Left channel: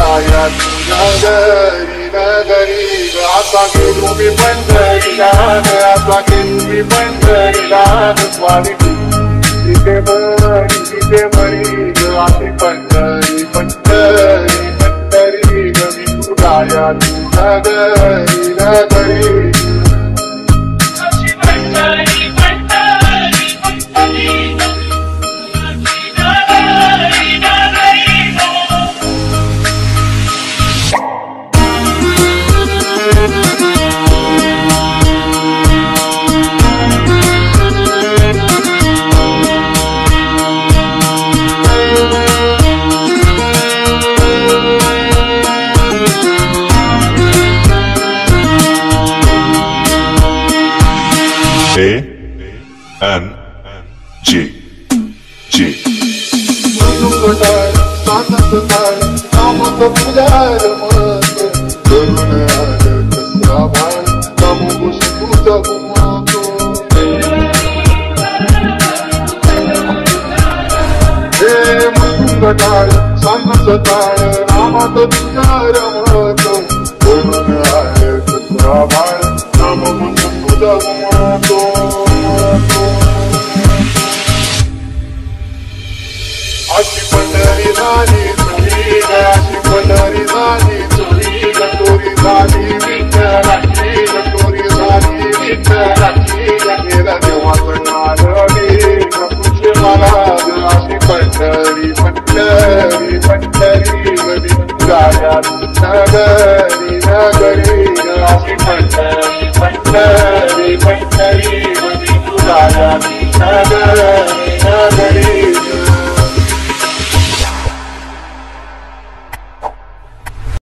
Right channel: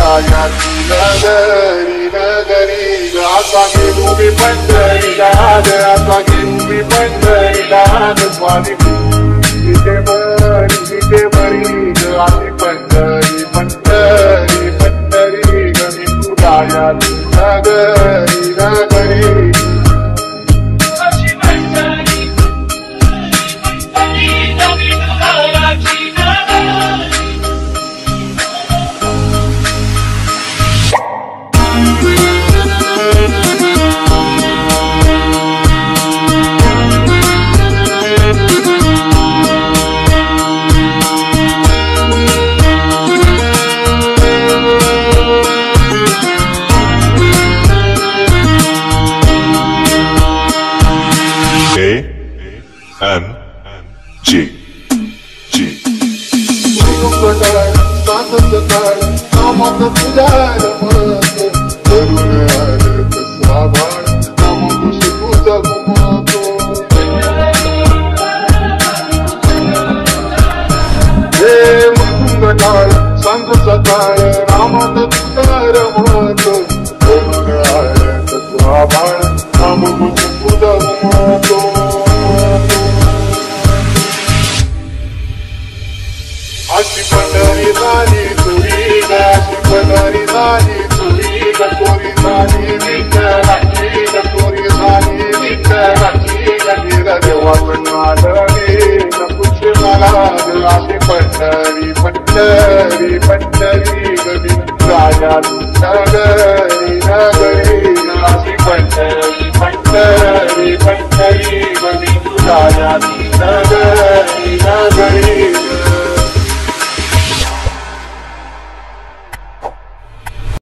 गायाची नगरी नगरी ग आता गेलो मी पंढरीला ग आता गेलो मी पंढरीला ग माझी तिथे मरी ग आली पंढरी पंढरी पंढरी ग मी तू गायाची नगरी नगरी A-N-G Ashi pandari zali turi ga, ashi pandari zali turi ga, turi zali vikaraki ga, turi zali vikaraki ga, mera deva banarani ga, kuch manad ashi pandari pandari pandari ga, vikraya nagari nagari ga, ashi pandari pandari pandari ga, vikraya nagari nagari